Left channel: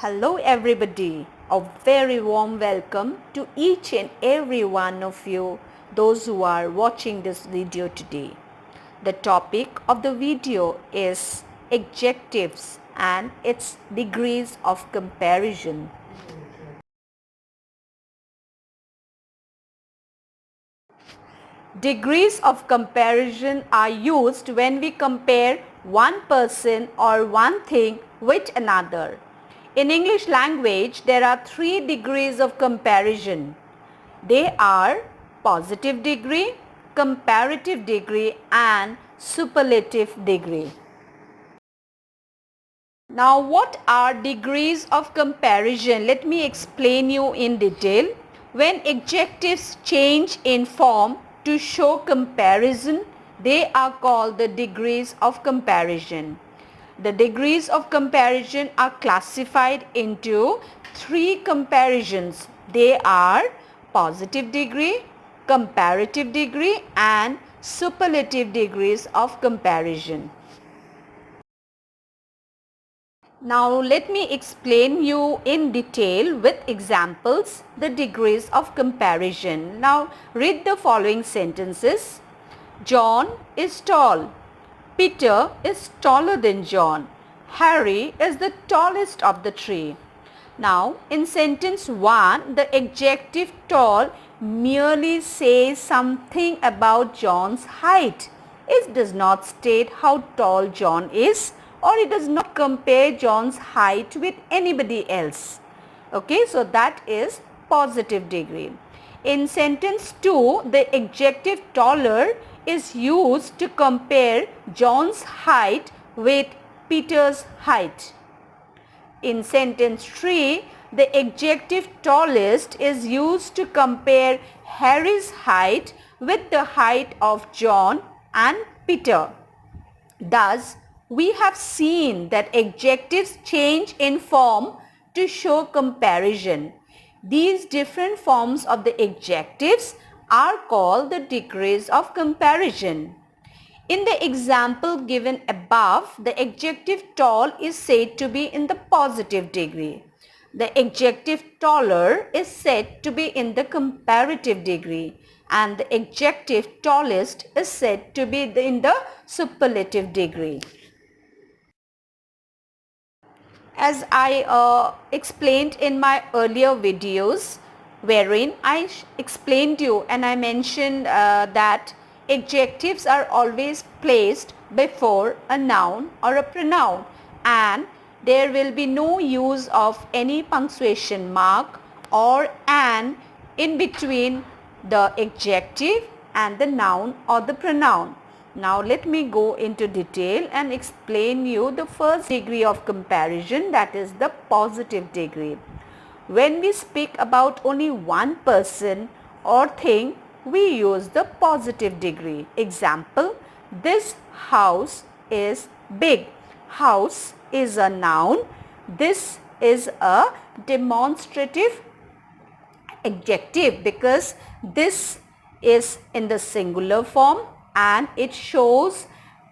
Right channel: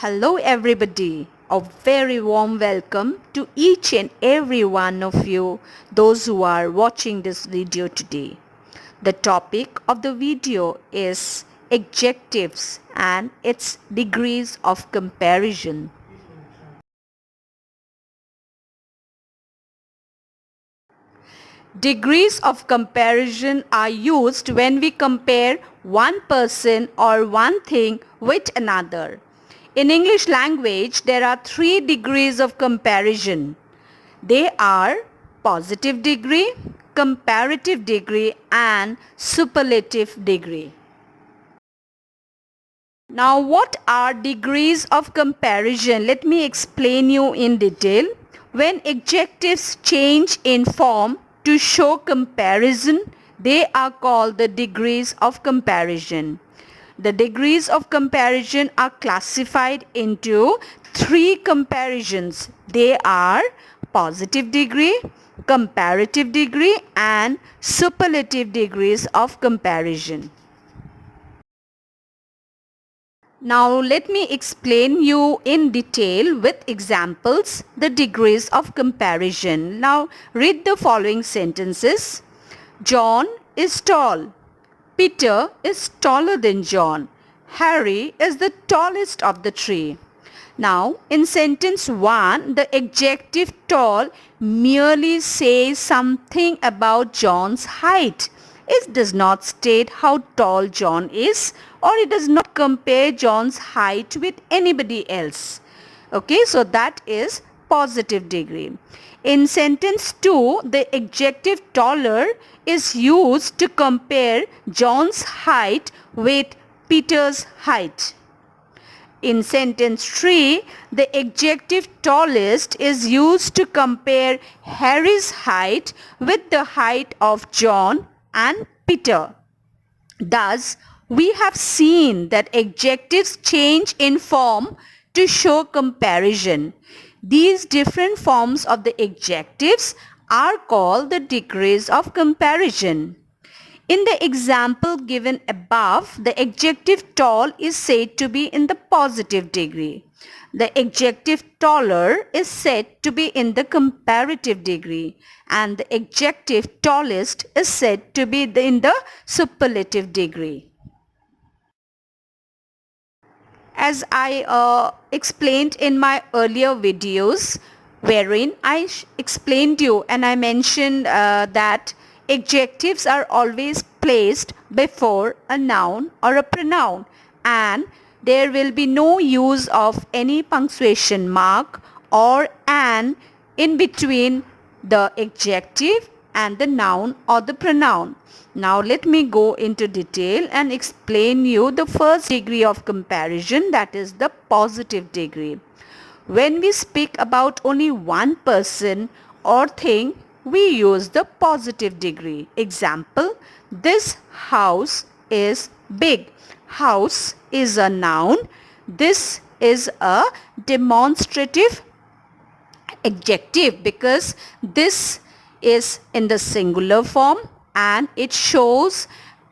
Hello everybody, a very warm welcome to each and every one of you, those who are watching this video today. The topic of the video is adjectives and its degrees of comparison. Degrees of comparison are used when we compare one person or one thing with another. In English language, there are 3 degrees of comparison. They are positive degree, comparative degree and superlative degree. Now what are degrees of comparison? Let me explain you in detail. When adjectives change in form to show comparison, they are called the degrees of comparison. The degrees of comparison are classified into 3 comparisons. They are positive degree, comparative degree and superlative degrees of comparison. Now let me explain you in detail with examples the degrees of comparison. Now read the following sentences. John is tall. Peter is taller than John. Harry is the tallest of the three. Now in sentence 1, the adjective tall merely says something about John's height. It does not state how tall John is, or it does not compare John's height with anybody else. Okay, so that is positive degree. In sentence 2, the adjective taller is used to compare John's height with Peter's height. In sentence 3, the adjective tallest is used to compare Harry's height with the height of John and Peter. Thus, we have seen that adjectives change in form to show comparison. These different forms of the adjectives are called the degrees of comparison. In the example given above, the adjective tall is said to be in the positive degree. The adjective taller is said to be in the comparative degree, and the adjective tallest is said to be in the superlative degree. As I explained in my earlier videos, wherein I explained you and I mentioned that adjectives are always placed before a noun or a pronoun, and there will be no use of any punctuation mark or an in between the adjective and the noun or the pronoun. Now let me go into detail and explain you the first degree of comparison, that is the positive degree. When we speak about only one person or thing, we use the positive degree. Example, this house is big. House is a noun. This is a demonstrative adjective because this is in the singular form and it shows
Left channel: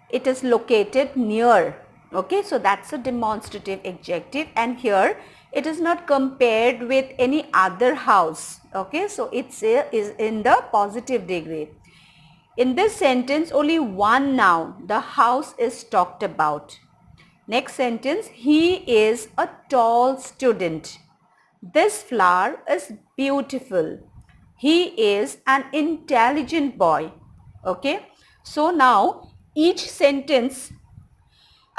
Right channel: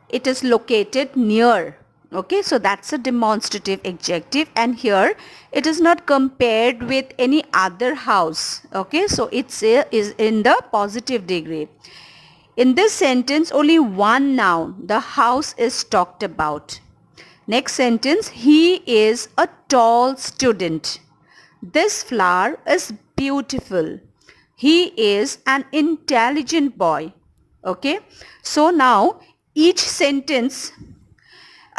it is located near. Okay, so that's a demonstrative adjective, and here it is not compared with any other house. Okay, so it is in the positive degree. In this sentence, only one noun, the house, is talked about. Next sentence, he is a tall student. This flower is beautiful. He is an intelligent boy. Okay, so now each sentence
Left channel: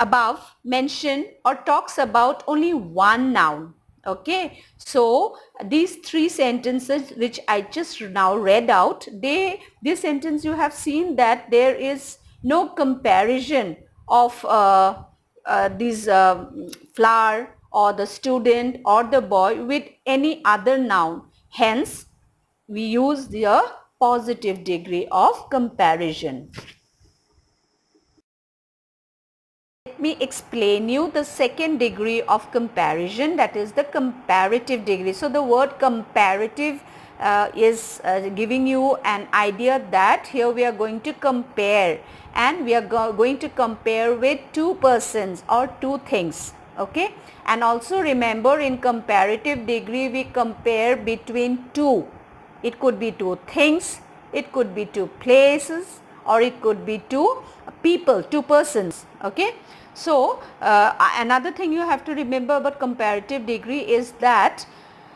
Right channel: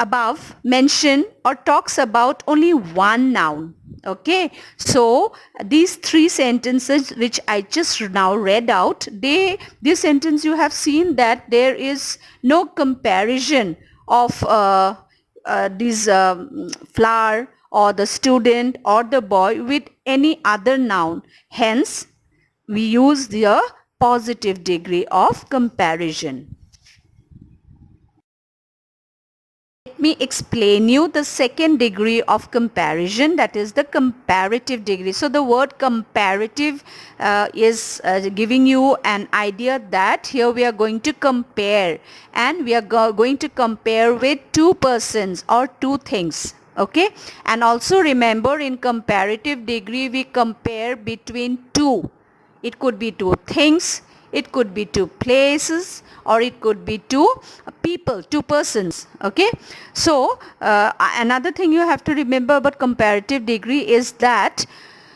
above mention or talks about only one noun. Okay, so these 3 sentences which I just now read out, this sentence you have seen that there is no comparison of this flower or the student or the boy with any other noun. Hence, we use the positive degree of comparison. Let me explain you the second degree of comparison, that is the comparative degree. So the word comparative is giving you an idea that here we are going to compare, and we are going to compare with 2 persons or 2 things. Okay, and also remember, in comparative degree we compare between two. It could be two things, it could be two places, or it could be two people, two persons. Okay, so another thing you have to remember about comparative degree is that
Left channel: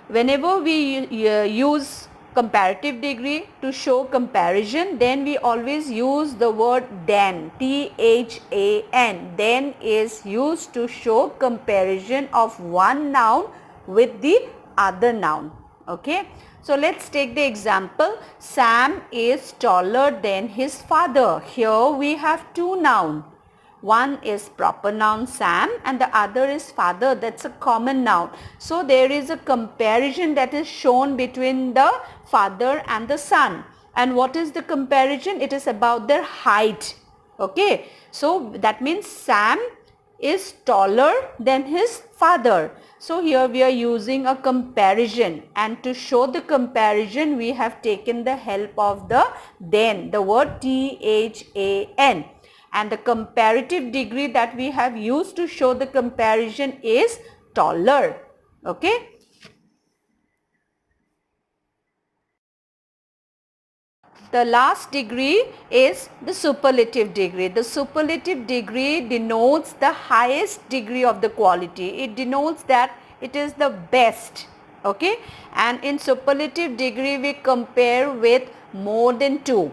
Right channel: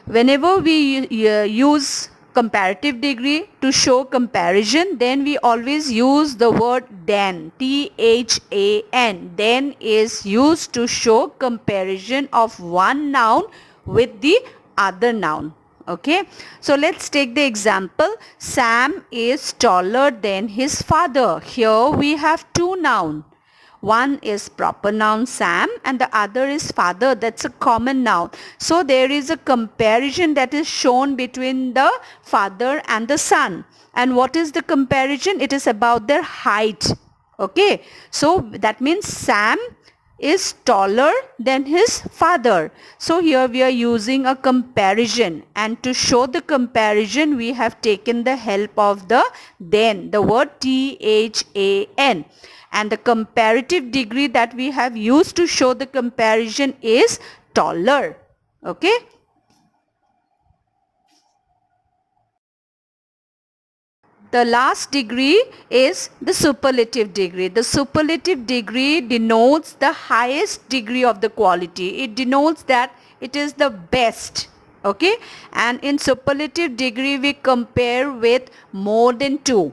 whenever we use comparative degree to show comparison, then we always use the word than, THAN. Then is used to show comparison of one noun with the other noun. Okay, so let's take the example, Sam is taller than his father. Here we have two nouns. One is proper noun Sam and the other is father. That's a common noun. So there is a comparison that is shown between the father and the son. And what is the comparison? It is about their height. Okay. So that means Sam is taller than his father. So here we are using a comparison, and to show the comparison we have taken the help of the then, the word THAN. And the comparative degree that we have used to show the comparison is taller. Okay. The last degree is the superlative degree. The superlative degree denotes the highest degree of the quality. It denotes that it is the best. Okay. And in superlative degree we compare with more than two.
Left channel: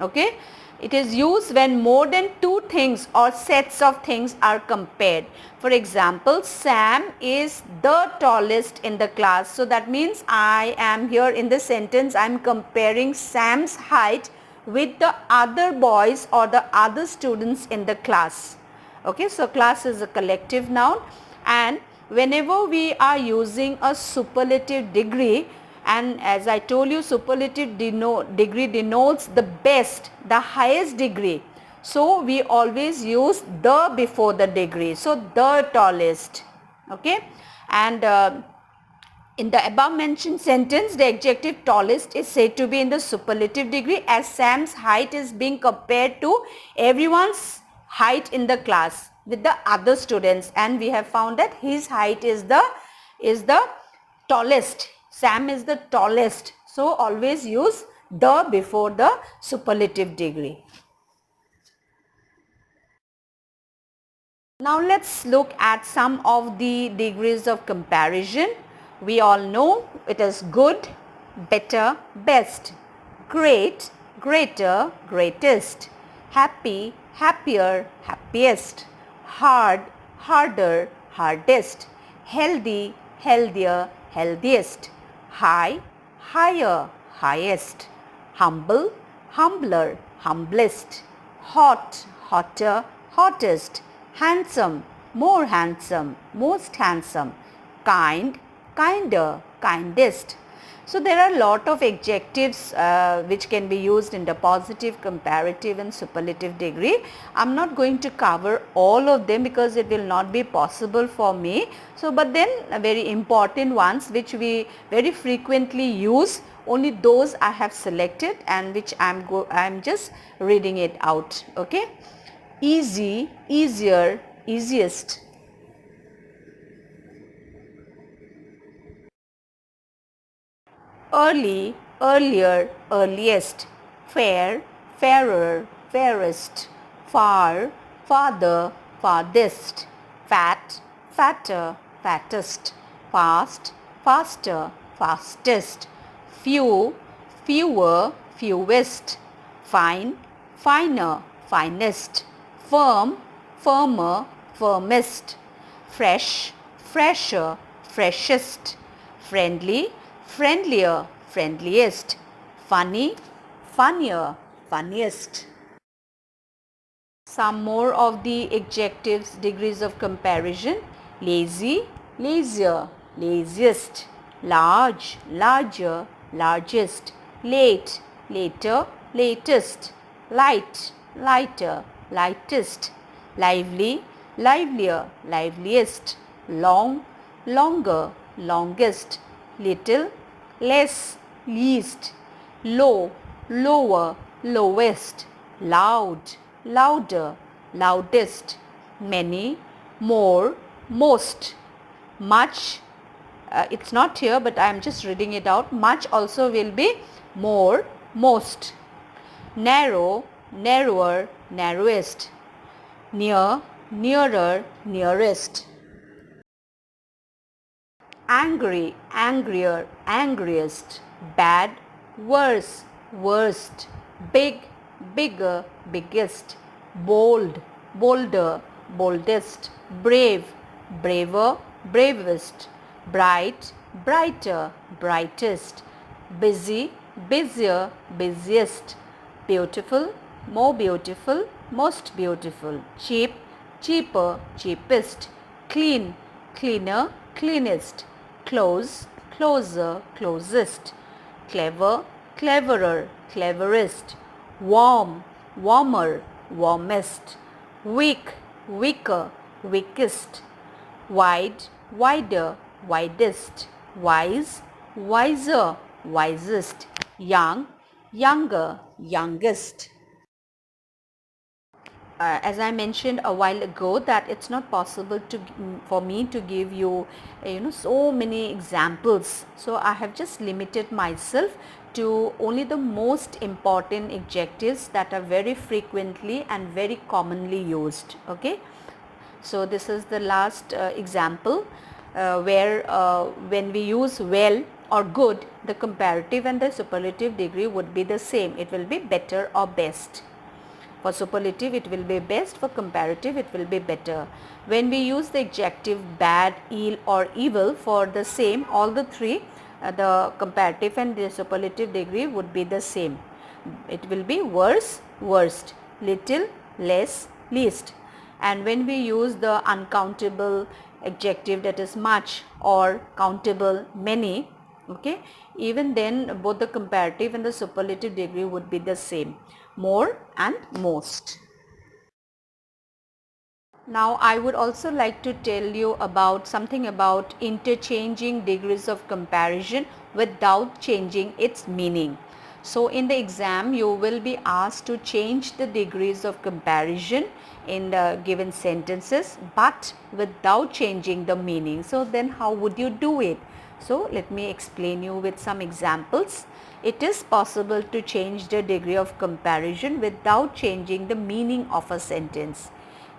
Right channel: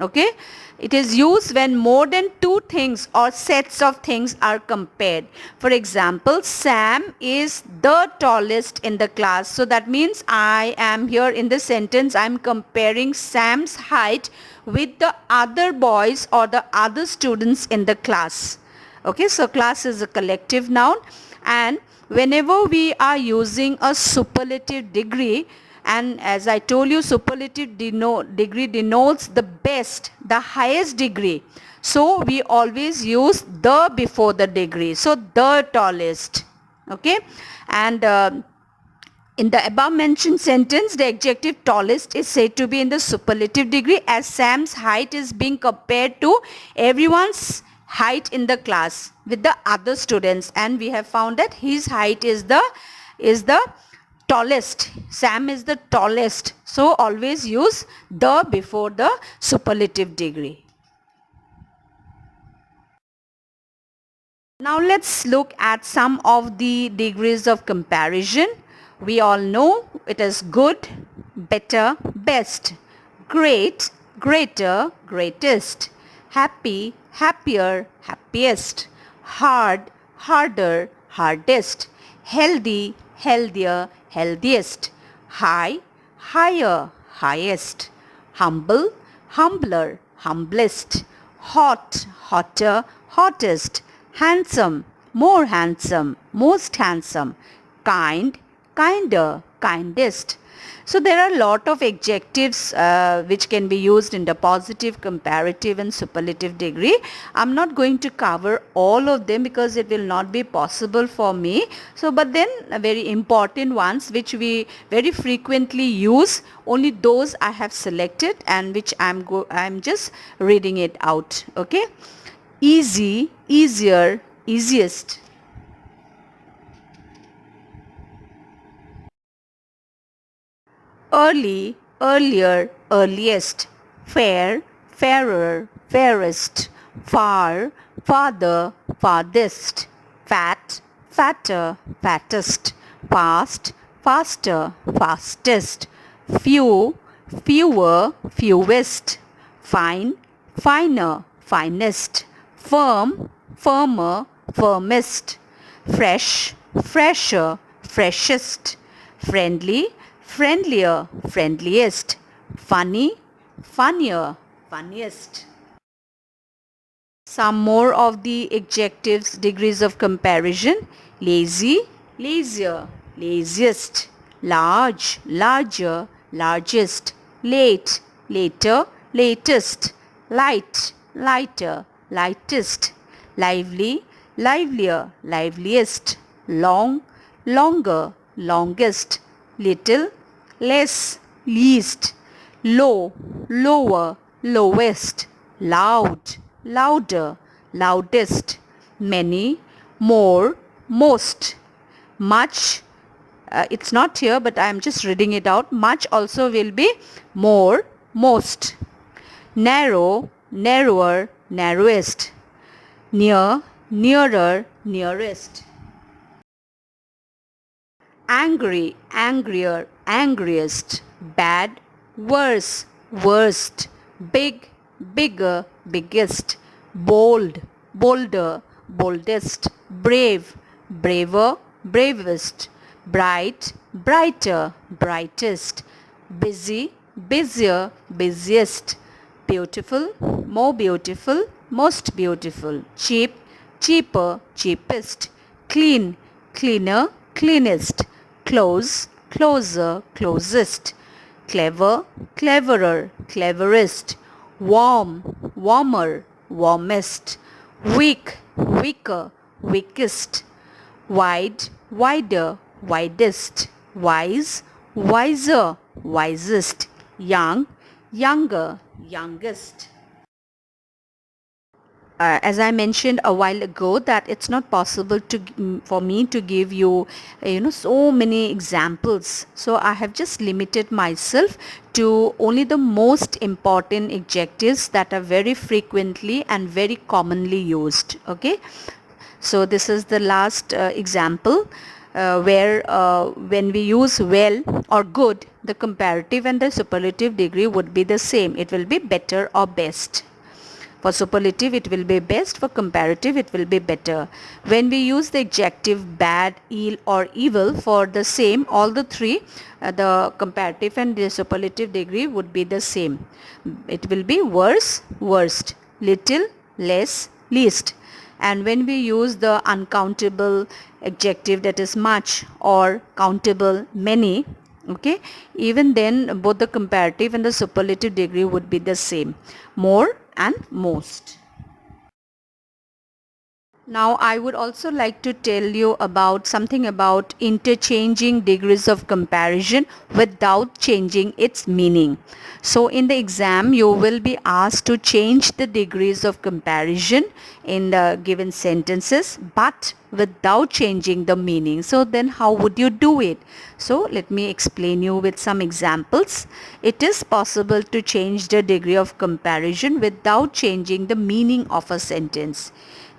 Okay. It is used when more than two things or sets of things are compared. For example, Sam is the tallest in the class. So that means I am here in the sentence, I am comparing Sam's height with the other boys or the other students in the class. Okay, so class is a collective noun, and whenever we are using a superlative degree, and as I told you, superlative degree denotes the best, the highest degree. So we always use the before the degree. So the tallest. Okay. And in the above mentioned sentence, the adjective tallest is said to be in the superlative degree, as Sam's height is being compared to everyone's height in the class with the other students, and we have found that his height is the tallest. Sam is the tallest. So always use the before the superlative degree. Now let's look at some of the degrees of comparison. We all know it is good, better, best, great, greater, greatest, happy, happier, happiest, hard, harder, hardest, healthy, healthier, healthiest, high, higher, highest, humble, humbler, humblest, hot, hotter, hottest, handsome, more handsome, most handsome, kind, kinder, kindest. So there are a lot of adjectives which can be used in the positive, comparative and superlative degree. I'm not going to cover all of them because it will not be possible for me. So but then very important ones which we very frequently use, only those I have selected and which I'm just reading it out. Okay. Easy, easier, easiest. Early, earlier, earliest. Fair, fairer, fairest. Far, farther, farthest. Fat, fatter, fattest. Fast, faster, fastest. Few, fewer, fewest. Fine, finer, finest. Firm, firmer, firmest. Fresh, fresher, freshest. Friendly, friendlier, friendliest. Funny, funnier, funniest. Some more of the adjectives degrees of comparison. Lazy, lazier, laziest. Large, larger, largest. Late, later, latest. Light, lighter, lightest. Lively, livelier, liveliest. Long, longer, longest. Little, less, least. Low, lower, lowest. Loud, louder, loudest. Many, more, most. Much, it's not here but I am just reading it out. Much also will be more, most. Narrow, narrower, narrowest. Near, nearer, nearest. Angry, angrier, angriest. Bad, worse, worst. Big, bigger, biggest. Bold, bolder, boldest. Brave, braver, bravest. Bright, brighter, brightest. Busy, busier, busiest. Beautiful, more beautiful, most beautiful. Cheap, cheaper, cheapest. Clean, cleaner, cleanest. Close, closer, closest. Clever, cleverer, cleverest. Warm, warmer, warmest. Weak, weaker, weakest. Wide, wider, widest. Wise, wiser, wisest. Young, younger, youngest. As I mentioned a while ago, that it's not possible to for me to give you so many examples, so I have just limited myself to only the most important adjectives that are very frequently and very commonly used. Okay, so this is the last example where when we use well or good, the comparative and the superlative degree would be the same. It will be better or best. For superlative, it will be best. For comparative, it will be better. When we use the adjective bad, ill or evil for the same, all the three, the comparative and the superlative degree would be the same. It will be worse, worst, little, less, least. And when we use the uncountable adjective, that is much, or countable, many, okay, even then both the comparative and the superlative degree would be the same, more and most. Now I would also like to tell you about something about interchanging degrees of comparison without changing its meaning. So in the exam you will be asked to change the degrees of comparison in the given sentences but without changing the meaning. So then how would you do it? So let me explain you with some examples. It is possible to change the degree of comparison without changing the meaning of a sentence.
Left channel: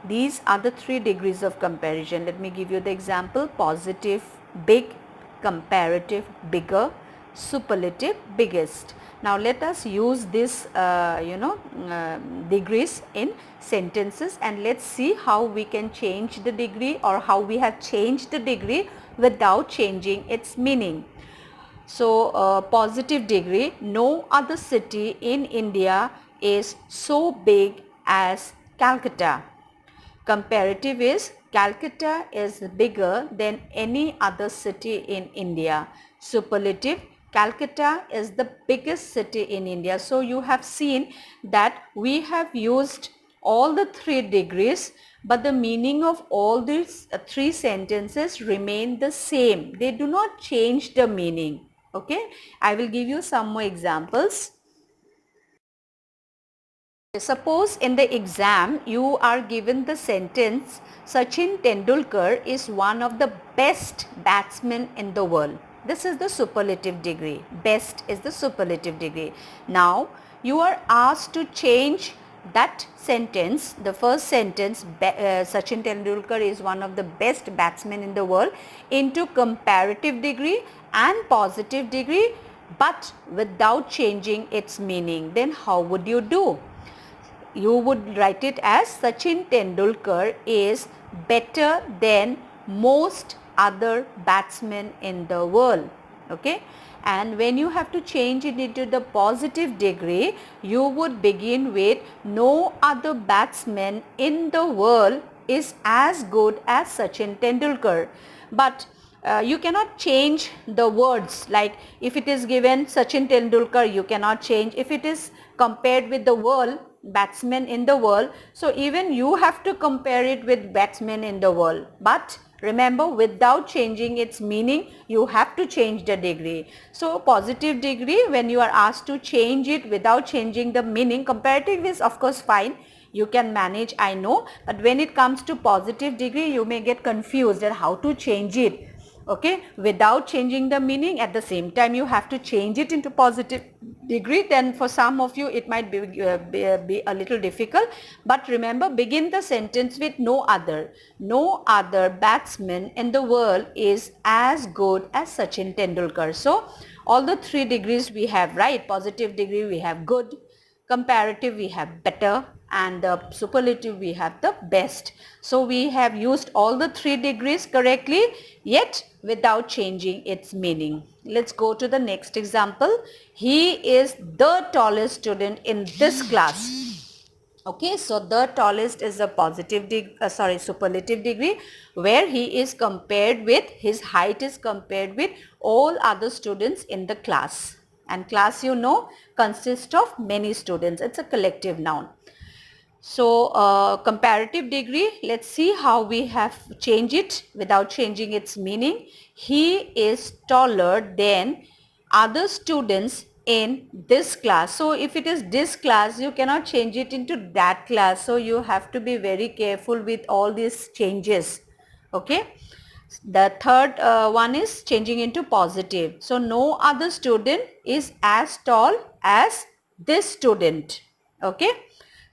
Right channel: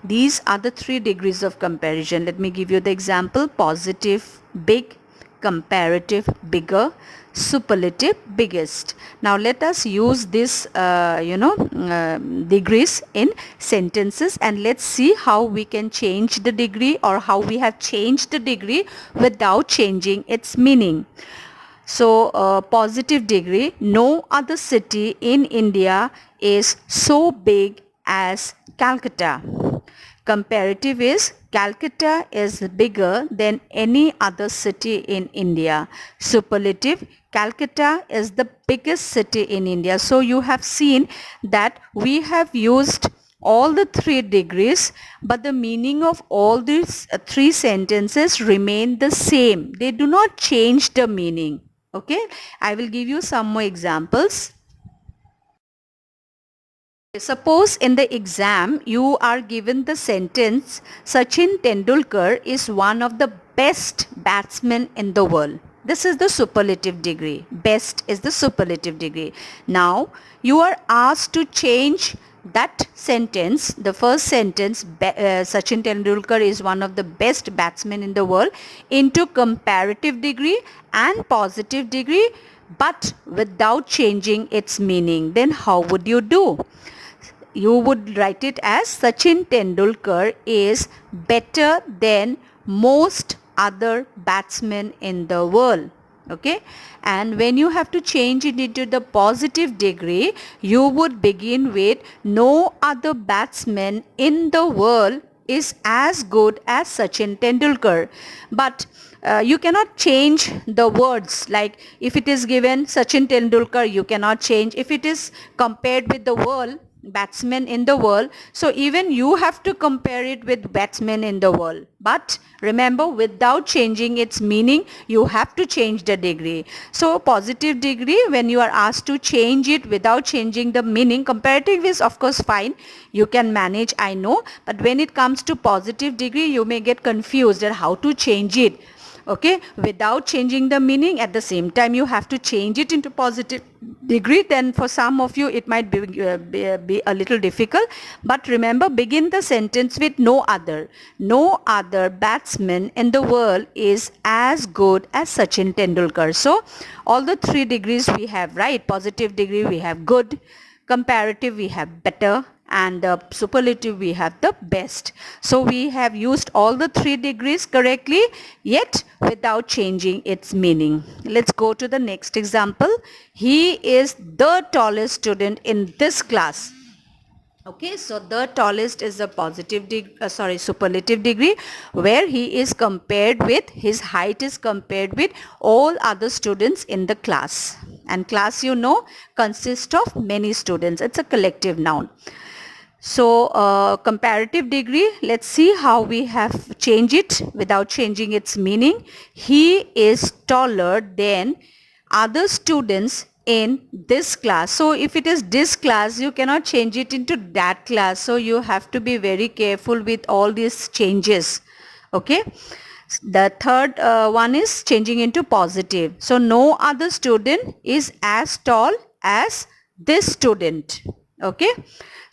These are the three degrees of comparison. Let me give you the example. Positive, big. Comparative, bigger. Superlative, biggest. Now let us use this degrees in sentences and let's see how we can change the degree or how we have changed the degree without changing its meaning. So positive degree, no other city in India is so big as Calcutta. Comparative is Calcutta is bigger than any other city in India. Superlative, Calcutta is the biggest city in India. So you have seen that we have used all the three degrees, but the meaning of all these three sentences remain the same. They do not change the meaning. Okay, I will give you some more examples. Suppose in the exam you are given the sentence Sachin Tendulkar is one of the best batsmen in the world. This is the superlative degree. Best is the superlative degree. Now you are asked to change that sentence, the first sentence, Sachin Tendulkar is one of the best batsmen in the world, into comparative degree and positive degree but without changing its meaning. Then how would you do? You would write it as Sachin Tendulkar is better than most other batsmen in the world. Okay, and when you have to change it into the positive degree, you would begin with no other batsman in the world is as good as Sachin Tendulkar. But you cannot change the words, like if it is given Sachin Tendulkar, you cannot change. If it is compared with the world, batsmen in the world. So even you have to compare it with batsmen in the world. But remember, without changing its meaning, you have to change the degree. So positive degree, when you are asked to change it without changing the meaning, comparative is of course fine. You can manage, I know. But when it comes to positive degree, you may get confused at how to change it. Okay, without changing the meaning, at the same time you have to change it into positive degree. Then for some of you it might be a little difficult, but remember, begin the sentence with no other batsman in the world is as good as Sachin Tendulkar. So all the three degrees we have, right? Positive degree we have good, comparative we have better, and the superlative we have the best. So we have used all the three degrees correctly, yet without changing its meaning. Let's go to the next example. He is the tallest student in this class. Okay, so the tallest is a superlative degree, where he is compared with, his height is compared with all other students in the class. And class, you know, consists of many students. It's a collective noun. So comparative degree, let's see how we have changed it without changing its meaning. He is taller than other students in this class. So if it is this class, you cannot change it into that class. So you have to be very careful with all these changes. Okay. The third one is changing into positive. So no other student is as tall as this student. Okay.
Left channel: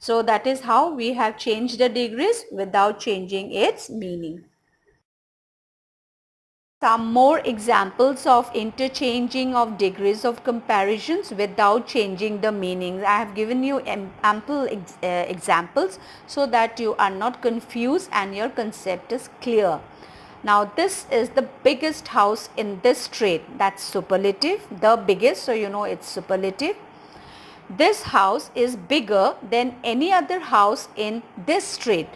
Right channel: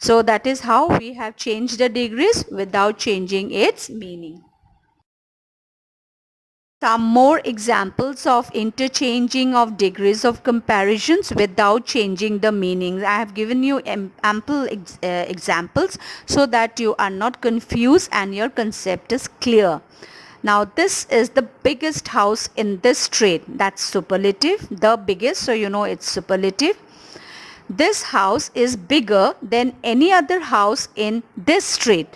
So that is how we have changed the degrees without changing its meaning. Some more examples of interchanging of degrees of comparisons without changing the meanings. I have given you ample examples so that you are not confused and your concept is clear. Now this is the biggest house in this street. That's superlative, the biggest, so you know it's superlative. This house is bigger than any other house in this street.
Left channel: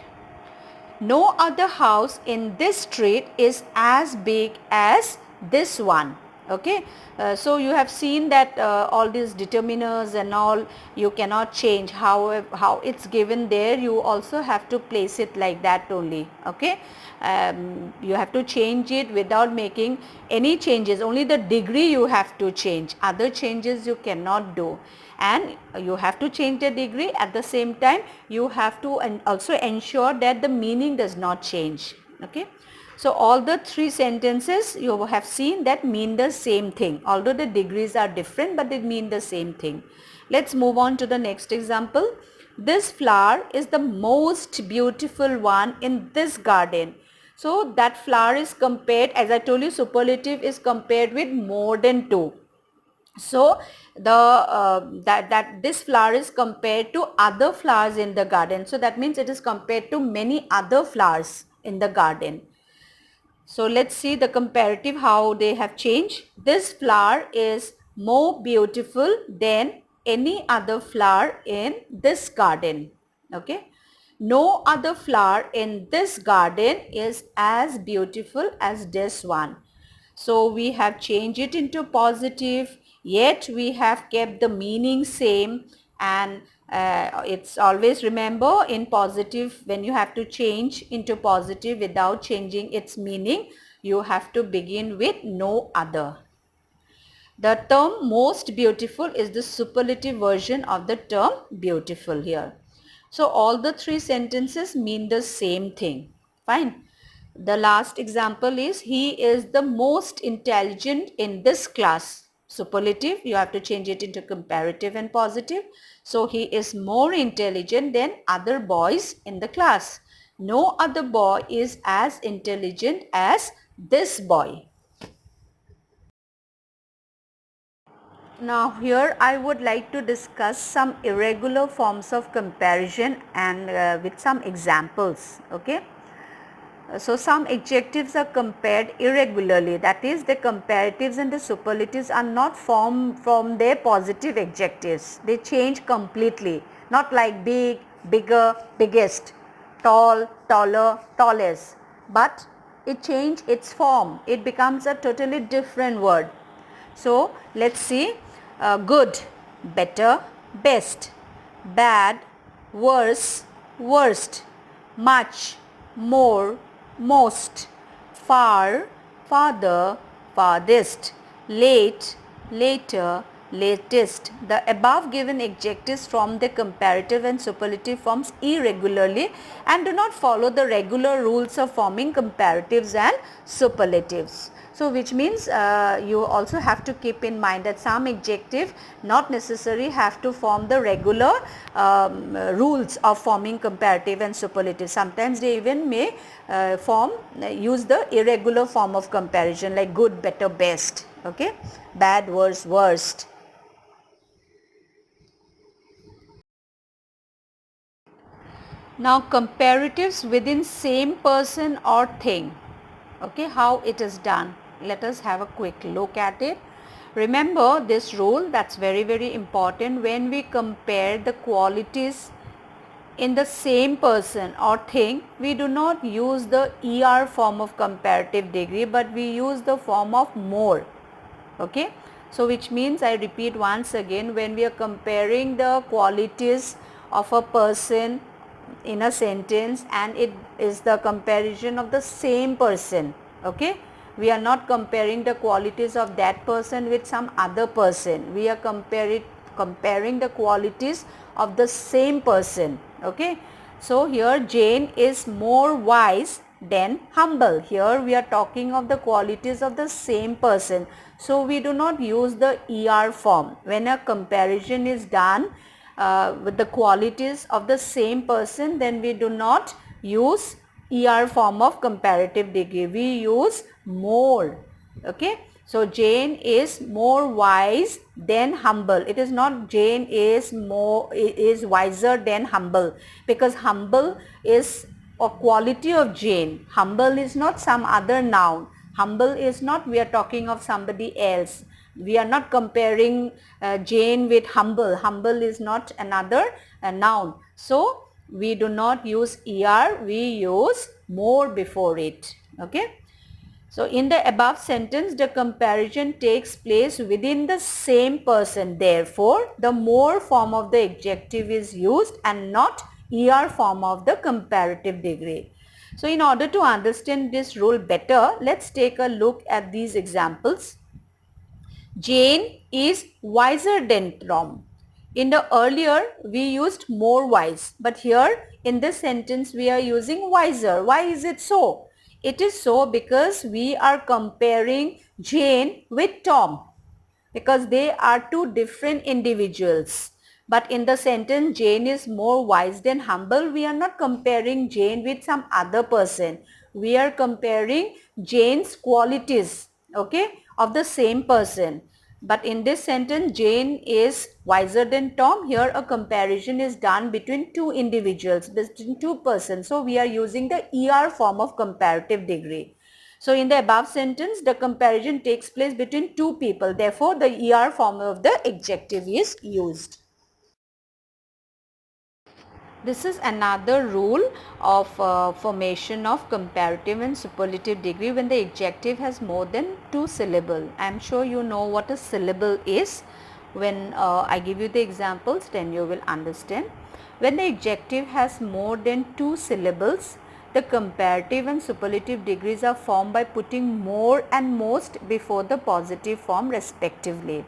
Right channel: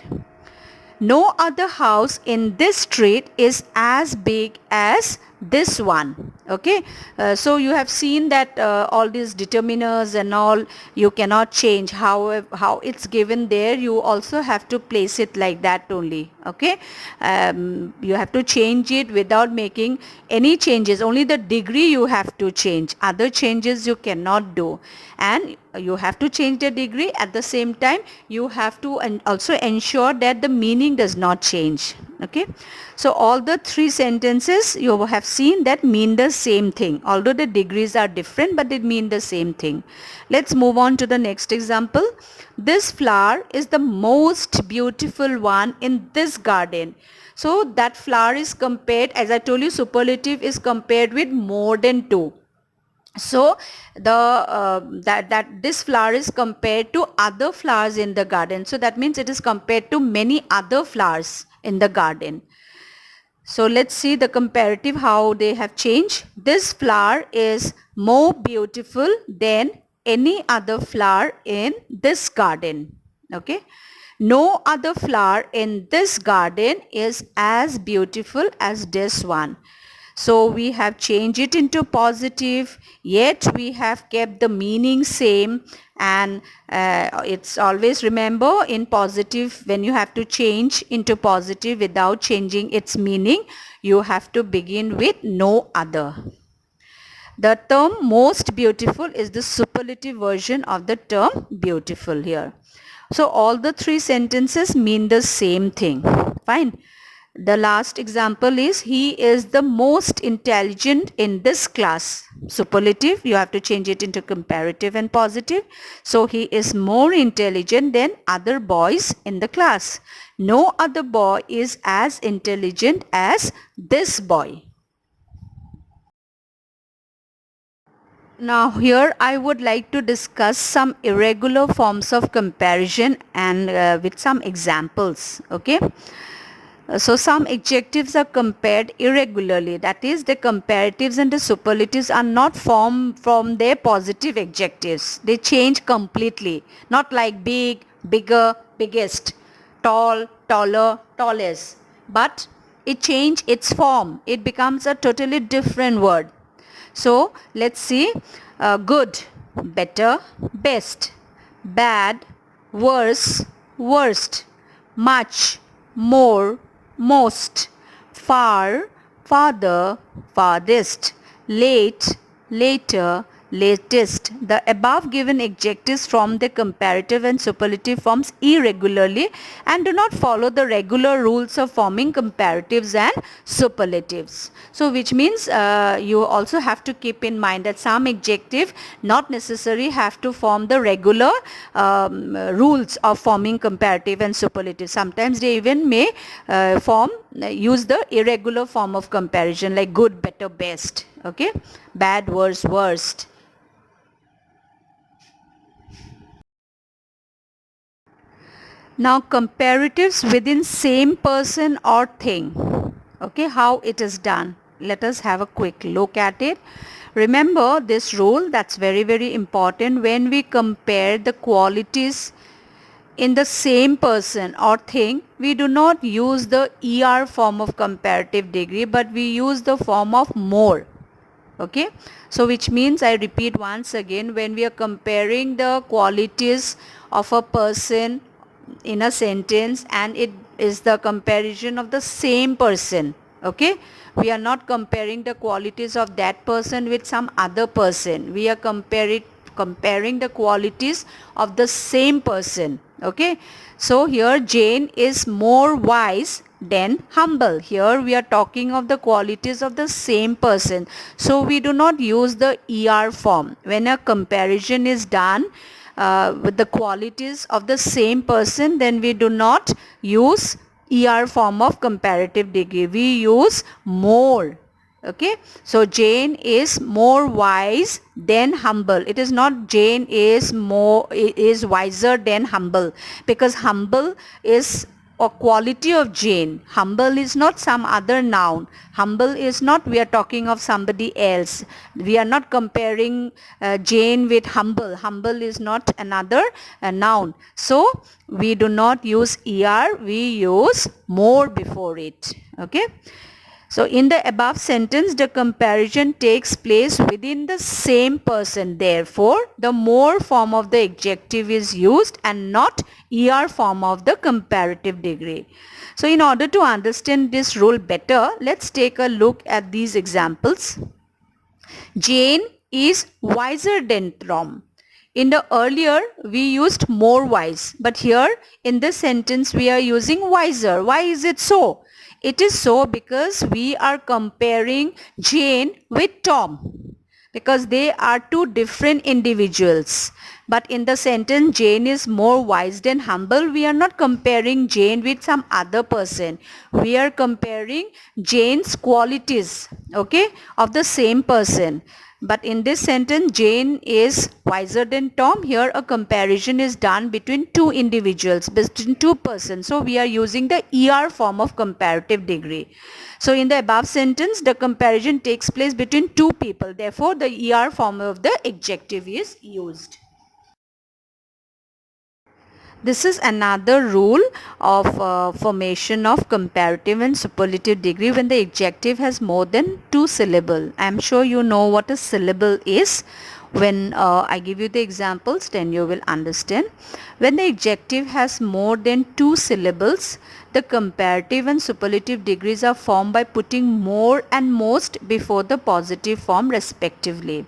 No other house in this street is as big as this one. Okay, so you have seen that all these determiners and all, you cannot change how it's given there. You also have to place it like that only. Okay, you have to change it without making any changes. Only the degree you have to change, other changes you cannot do. And you have to change the degree, at the same time you have to also ensure that the meaning does not change. Okay, so all the three sentences you have seen that mean the same thing, although the degrees are different, but they mean the same thing. Let's move on to the next example. This flower is the most beautiful one in this garden. So that flower is compared, as I told you, superlative is compared with more than two. So that this flower is compared to other flowers in the garden. So that means it is compared to many other flowers in the garden. So let's see the comparative, how they have changed. This flower is more beautiful than any other flower in this garden. Okay. No other flower in this garden is as beautiful as this one. So we have changed it into positive, yet we have kept the meaning same. And it's always, remember, in positive, when you have to change into positive without changing its meaning, you have to begin with no other. The term most beautiful is the superlative version of the term beautiful here. So all the three sentences mean the same thing. Fine. The last example is, he is the most intelligent in this class. Superlative, you have to change it into comparative and positive. So he is more intelligent than other boys in the class. No other boy is as intelligent as this boy. Now here I would like to discuss some irregular forms of comparison and with some examples. Okay. So some adjectives are compared irregularly. That is, the comparatives and the superlatives are not formed from their positive adjectives. They change completely. Not like big, bigger, biggest, tall, taller, tallest. But it changes its form. It becomes a totally different word. So let's see. Good, better, best, bad, worse, worst, much, more, most, far, farther, farthest, late, later, latest. The above given adjectives form the comparative and superlative forms irregularly and do not follow the regular rules of forming comparatives and superlatives. So which means you also have to keep in mind that some adjective not necessarily have to form the regular rules of forming comparative and superlative. Sometimes they even may use the irregular form of comparison like good, better, best, okay, bad, worse, worst. Now comparatives within same person or thing. Okay, how it is done. Let us have a quick look at it. Remember this rule, that's very important. When we compare the qualities in the same person or thing, we do not use the ER form of comparative degree, but we use the form of more. Okay, so which means, I repeat once again, when we are comparing the qualities of a person in a sentence and it is the comparison of the same person, okay, we are not comparing the qualities of that person with some other person, we are comparing the qualities of the same person. Okay, so here Jane is more wise than humble. Here we are talking of the qualities of the same person, so we do not use the ER form when a comparison is done with the qualities of the same person. Then we do not use ER form of comparative degree, we use more. Okay, so Jane is more wise than humble. It is not Jane is wiser than humble, because humble is a quality of Jane. Humble is not some other noun. Humble is not, we are talking of somebody else. We are not comparing Jane with humble. Humble is not another noun. So we do not use ER, we use more before it. Okay. So in the above sentence, the comparison takes place within the same person. Therefore, the more form of the adjective is used and not ER form of the comparative degree. So in order to understand this rule better, let's take a look at these examples. Jane is wiser than Tom. In the earlier, we used more wise, but here in this sentence, we are using wiser. Why is it so? It is so because we are comparing Jane with Tom, because they are two different individuals. But in the sentence, Jane is more wise than humble, we are not comparing Jane with some other person. We are comparing Jane's qualities, okay, of the same person. But in this sentence, Jane is wiser than Tom. Here a comparison is done between two individuals, between two persons. So we are using the ER form of comparative degree. So in the above sentence, the comparison takes place between two people. Therefore, the ER form of the adjective is used. This is another rule of formation of comparative and superlative degree when the adjective has more than two syllables. I am sure you know what a syllable is. When I give you the examples, then you will understand. When the adjective has more than two syllables, the comparative and superlative degrees are formed by putting more and most before the positive form respectively.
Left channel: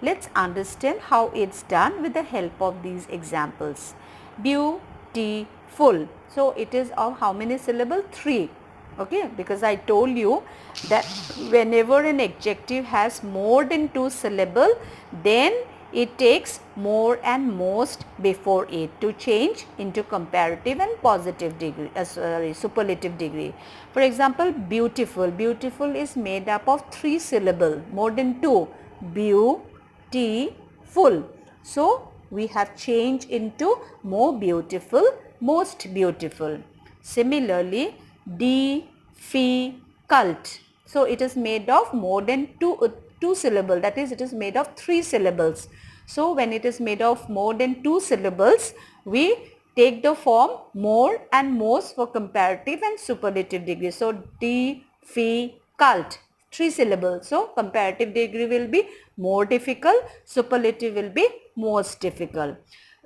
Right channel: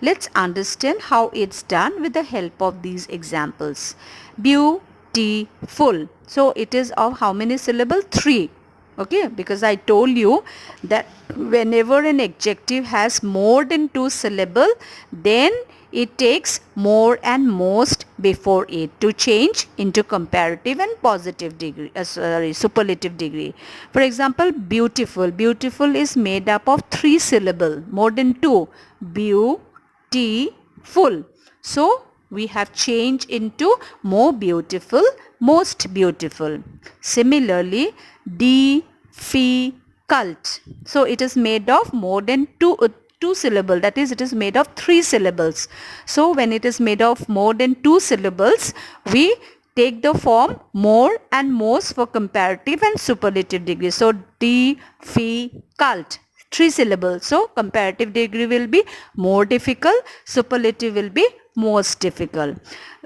Let's understand how it's done with the help of these examples. Beautiful. So it is of how many syllables? 3. Okay, because I told you that whenever an adjective has more than 2 syllables, then it takes more and most before it to change into comparative and positive degree, superlative degree. For example, beautiful. Beautiful is made up of 3 syllables, more than 2. Beautiful. So we have changed into more beautiful, most beautiful. Similarly, difficult. So it is made of more than two syllables, that is, it is made of 3 syllables. So when it is made of more than 2 syllables, we take the form more and most for comparative and superlative degree. So difficult, 3 syllables. So comparative degree will be more difficult, superlative will be most difficult.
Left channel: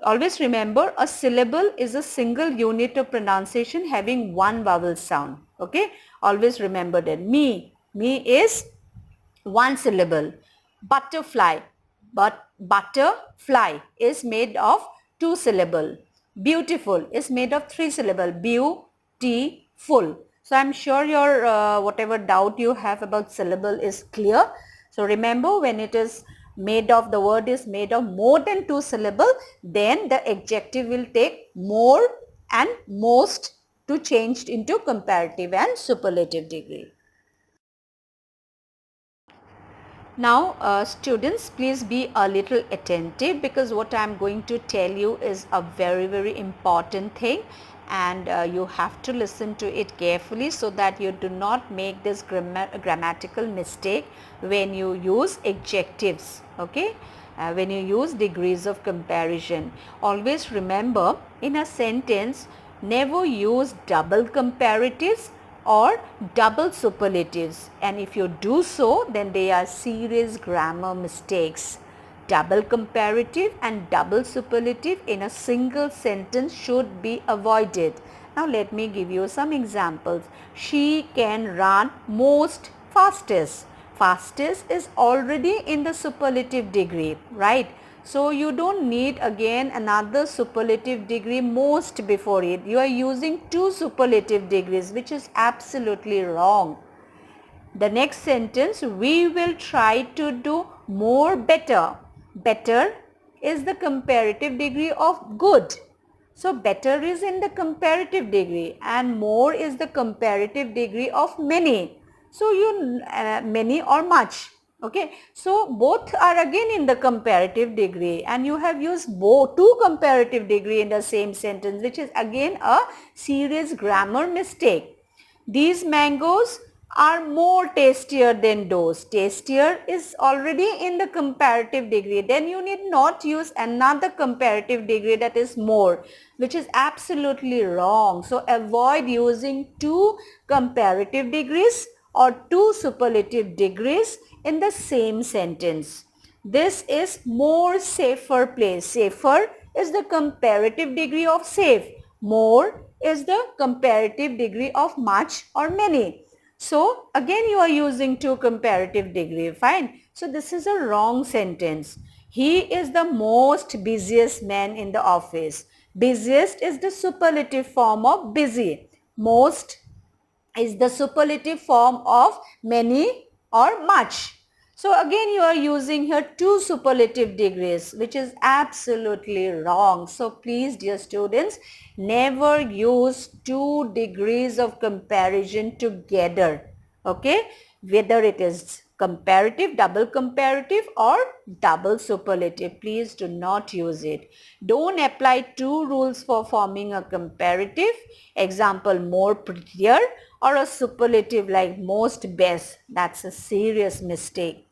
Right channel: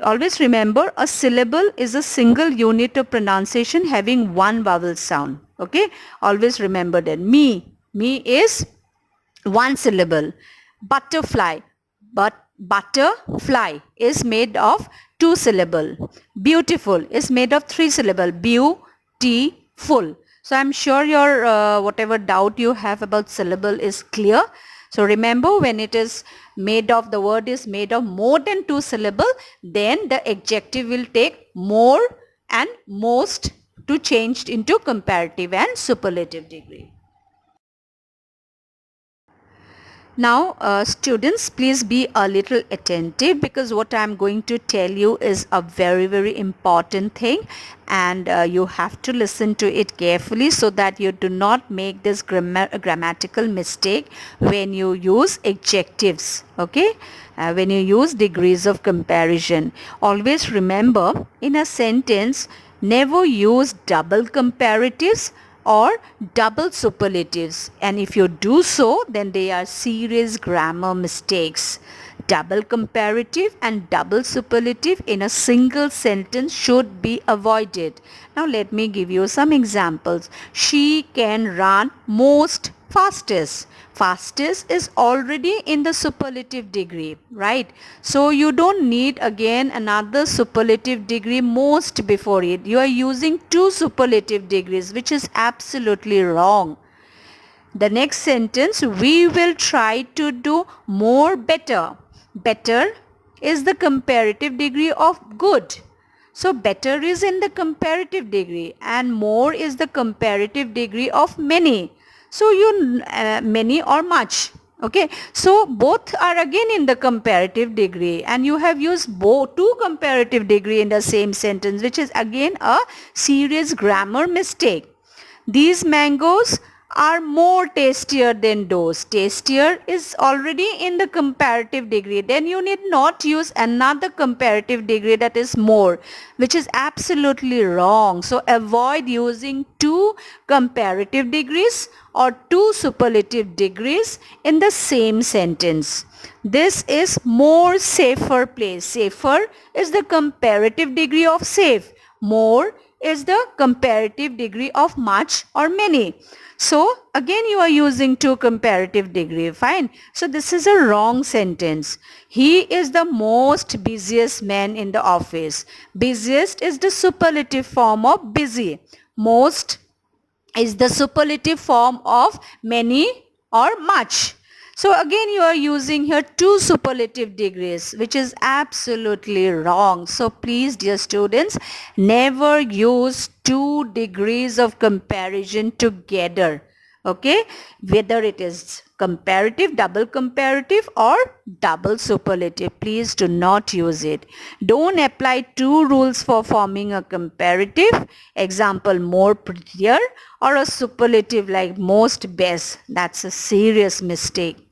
Always remember, a syllable is a single unit of pronunciation having one vowel sound. Okay, always remember that. Me is one syllable. Butterfly, but butterfly is made of two syllable. Beautiful is made of three syllable. Beautiful. So I'm sure your whatever doubt you have about syllable is clear. So remember, when it is made of, the word is made of more than two syllable, then the adjective will take more and most to change into comparative and superlative degree. Now, students, please be a little attentive, because what I am going to tell you is a very, very important thing, and you have to listen to it carefully so that you do not make this grammatical mistake when you use adjectives, okay? When you use degrees of comparison. Always remember, in a sentence, never use double comparatives or double superlatives, and if you do so, then they are serious grammar mistakes. Double comparative and double superlative in a single sentence should be avoided. Now let me give you some examples. She can run most fastest. Fastest is already in the superlative degree, right? So you don't need again another superlative degree most before it. You are using two superlative degrees, which is absolutely wrong. The next sentence, we will try to do more better. Better is the comparative degree of good. So better is in the comparative degree, and more is the comparative degree of many. So many or much. Okay, so both are again in the comparative degree, and you have used both two comparative degree in the same sentence, which is again a serious grammar mistake. These mangoes are more tastier than those. Tastier is already in the comparative degree. Then you need not use another comparative degree, that is more, which is absolutely wrong. So avoid using two comparative degrees or two superlative degrees in the same sentence. This is more safer place. Safer is the comparative degree of safe. More is the comparative degree of much or many. So again you are using two comparative degree. Fine. So this is a wrong sentence. He is the most busiest man in the office. Busiest is the superlative form of busy. Most is the superlative form of many or much. So again you are using here two superlative degrees, which is absolutely wrong. So please, dear students, never use two degrees of comparison together. Okay, whether it is comparative, double comparative or double superlative, please do not use it. Don't apply two rules for forming a comparative. Example, more prettier, or a superlative like most best. That's a serious mistake.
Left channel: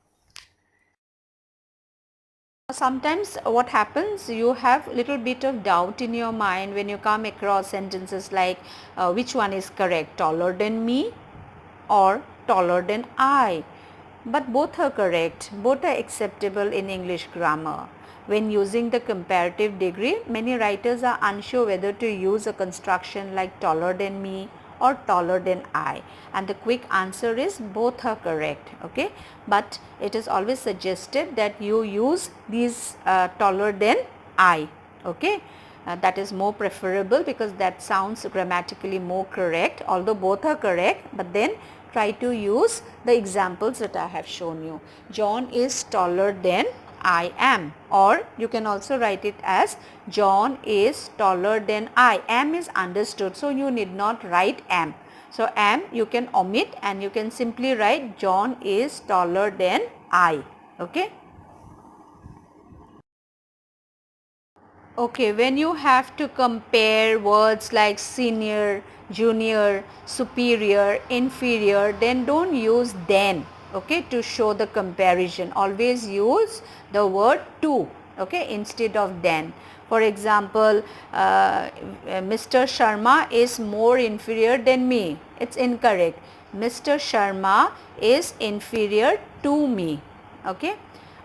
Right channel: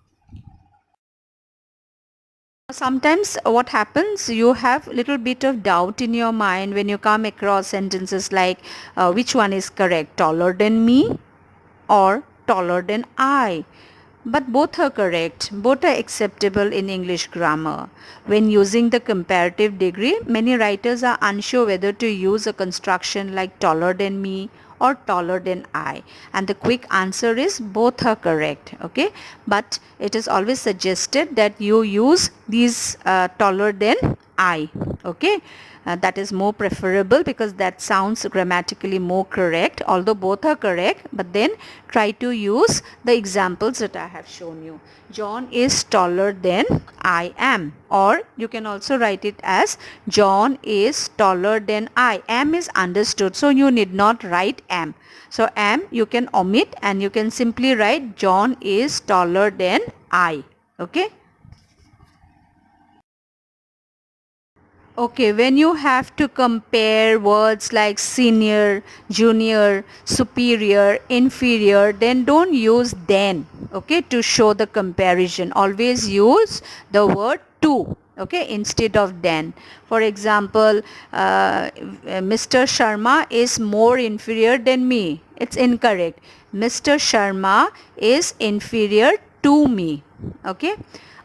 Sometimes what happens, you have a little bit of doubt in your mind when you come across sentences like which one is correct, taller than me or taller than I. But both are correct. Both are acceptable in English grammar. When using the comparative degree, many writers are unsure whether to use a construction like taller than me or taller than I. And the quick answer is both are correct. Okay. But it is always suggested that you use these taller than I. Okay. That is more preferable because that sounds grammatically more correct, although both are correct, but then try to use the examples that I have shown you. John is taller than I am, or you can also write it as John is taller than I. Am is understood, so you need not write am. So am you can omit and you can simply write John is taller than I. Okay. Okay, when you have to compare words like senior, junior, superior, inferior, then don't use then, okay, to show the comparison. Always use the word to, okay, instead of then. For example, Mr. Sharma is more inferior than me. It's incorrect. Mr. Sharma is inferior to me, okay.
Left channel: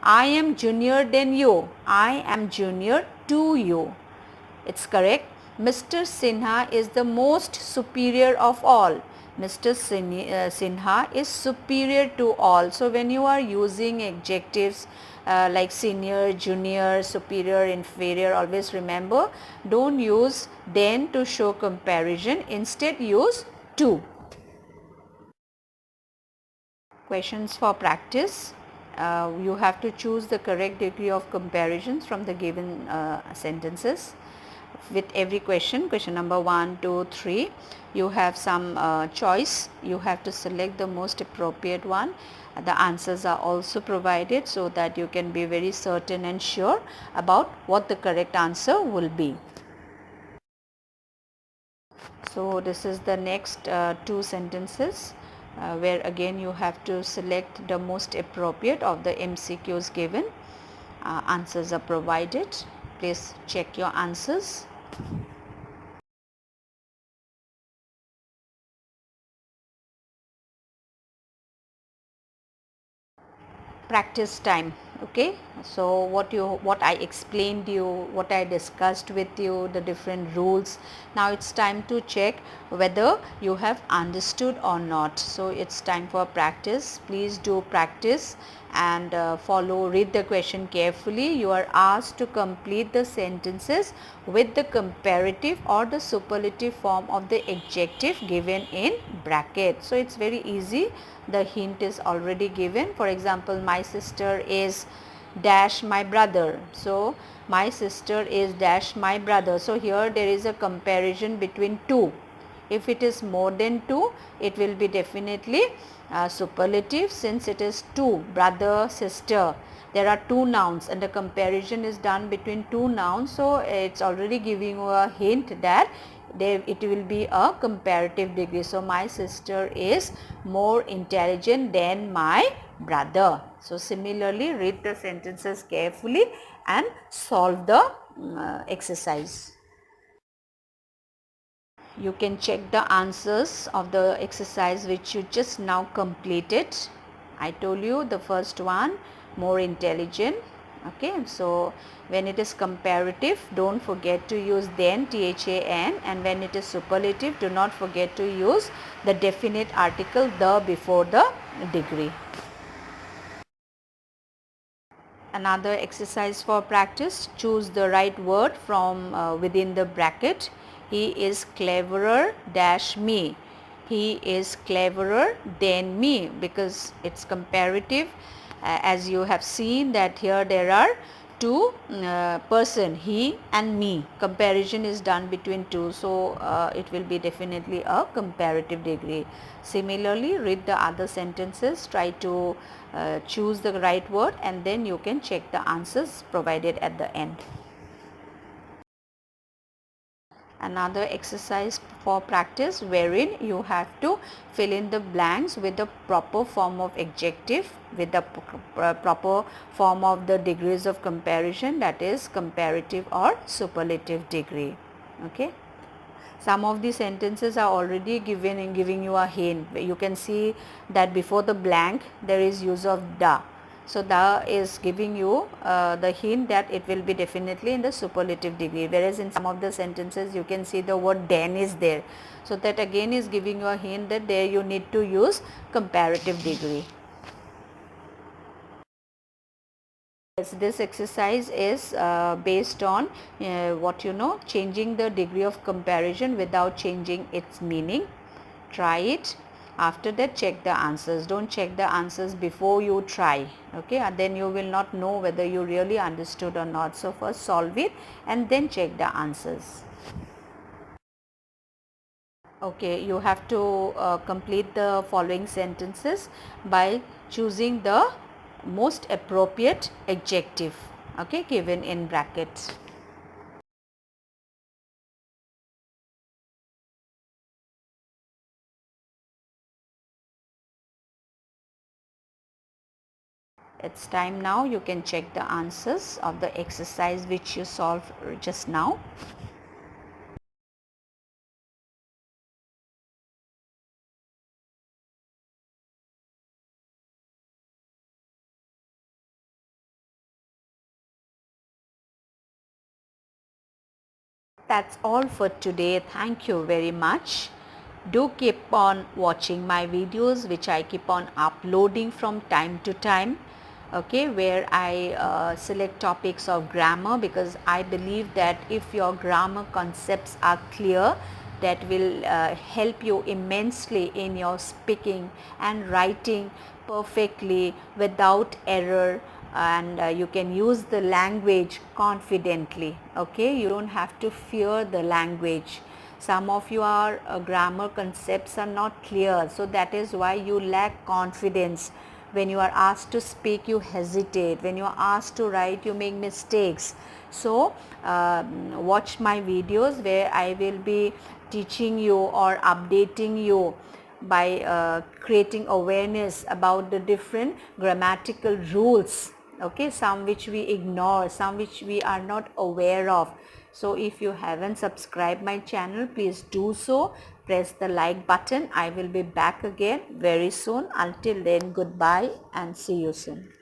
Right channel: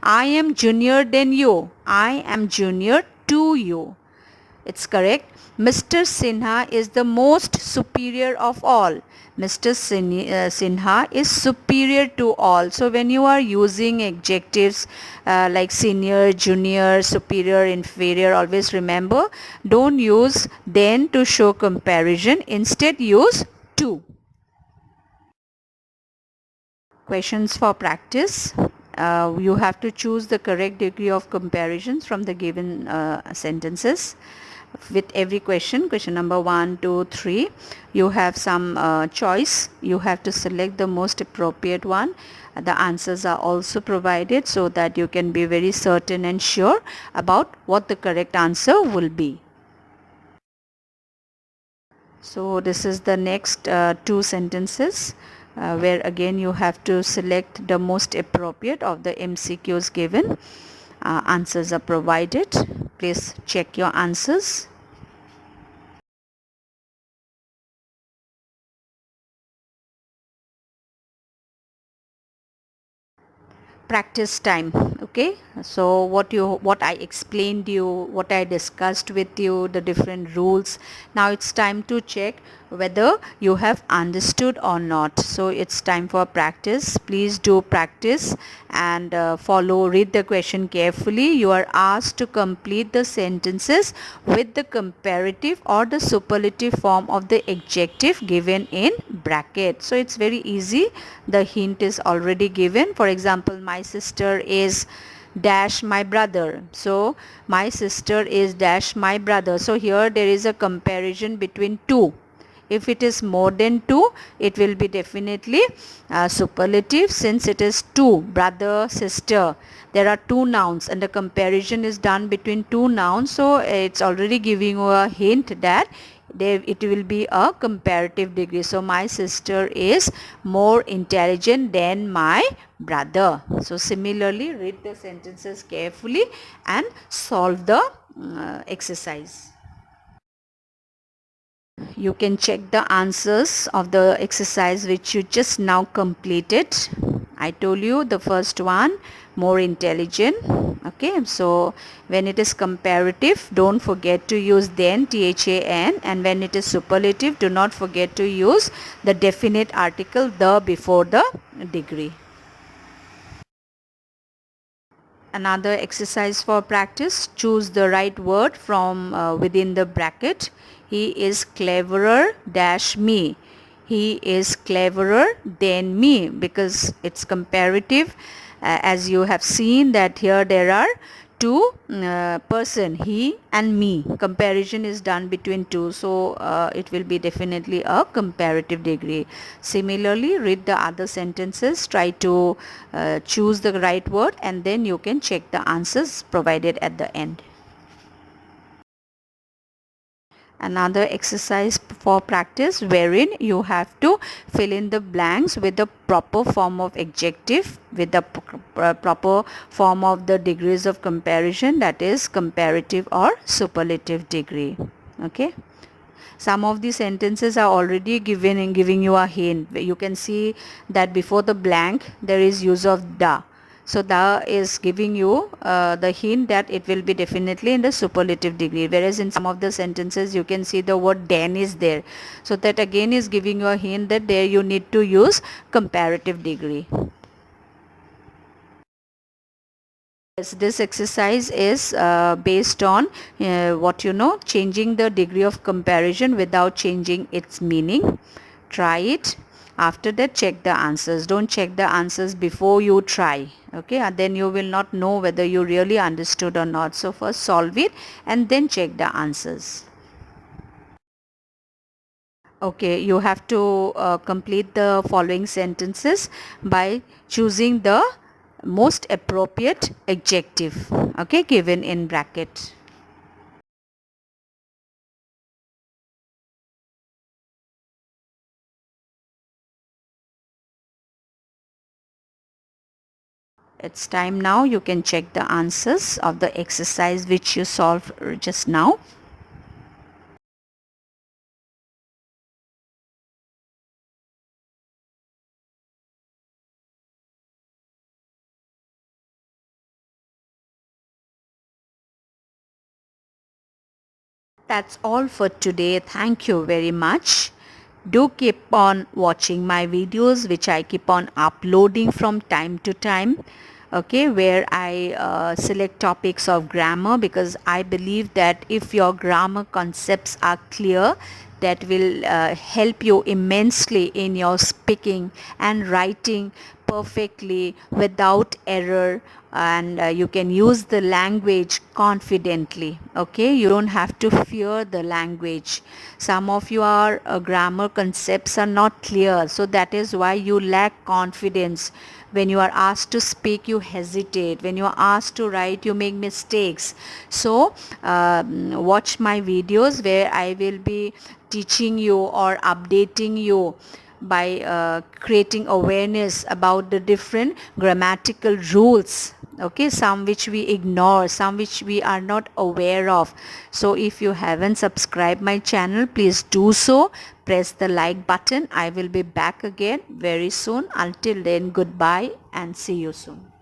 I am junior than you. I am junior to you. It's correct. Mr. Sinha is the most superior of all. Mr. Sinha is superior to all. So when you are using adjectives like senior, junior, superior, inferior, always remember, don't use then to show comparison. Instead use to. Questions for practice. You have to choose the correct degree of comparisons from the given sentences. With every question number 1, 2, 3, you have some choice. You have to select the most appropriate one. The answers are also provided so that you can be very certain and sure about what the correct answer will be. So this is the next two sentences where again you have to select the most appropriate of the MCQs given. Answers are provided. Please check your answers. Practice time. Okay, so what I explained you, what I discussed with you, the different rules. Now it's time to check whether you have understood or not. So it's time for practice. Please do practice and read the question carefully. You are asked to complete the sentences with the comparative or the superlative form of the adjective given in bracket. So it's very easy. The hint is already given. For example, my sister is dash my brother. So my sister is dash my brother. So here there is a comparison between two. If it is more than 2, it will be definitely superlative, since it is 2, brother, sister. There are 2 nouns and the comparison is done between 2 nouns. So it's already giving you a hint that it will be a comparative degree. So my sister is more intelligent than my brother. So similarly, read the sentences carefully and solve the exercise. You can check the answers of the exercise which you just now completed. I told you the first one, more intelligent. Okay, so when it is comparative, don't forget to use then, THAN, and when it is superlative, do not forget to use the definite article the before the degree. Another exercise for practice, choose the right word from within the bracket. He is cleverer dash me. He is cleverer than me, because it's comparative. As you have seen that here there are two person, he and me. Comparison is done between two, so it will be definitely a comparative degree. Similarly, read the other sentences, try to choose the right word, and then you can check the answers provided at the end. Another exercise for practice wherein you have to fill in the blanks with the proper form of adjective with the proper form of the degrees of comparison, that is comparative or superlative degree. Okay, some of the sentences are already given and giving you a hint. You can see that before the blank there is use of the. So the is giving you the hint that it will be definitely in the superlative degree, whereas in some of the sentences you can see the word then is there. So that again is giving you a hint that there you need to use comparative degree. Yes, this exercise is based on changing the degree of comparison without changing its meaning. Try it. After that, check the answers. Don't check the answers before you try. Okay, and then you will not know whether you really understood or not. So first solve it and then check the answers. Okay, you have to complete the following sentences by choosing the most appropriate adjective, okay, given in brackets. It's time now. You can check the answers of the exercise which you solved just now. that's all for today. Thank you very much. Do keep on watching my videos, which I keep on uploading from time to time, okay, where I select topics of grammar, because I believe that if your grammar concepts are clear, that will help you immensely in your speaking and writing perfectly without error, and you can use the language confidently. Okay, you don't have to fear the language. Some of your grammar concepts are not clear, so that is why you lack confidence. When you are asked to speak, you hesitate. When you are asked to write, you make mistakes. So watch my videos where I will be teaching you or updating you by creating awareness about the different grammatical rules, okay, some which we ignore, some which we are not aware of. So if you haven't subscribed my channel, please do so. Press the like button. I will be back again very soon. Until then, goodbye and see you soon.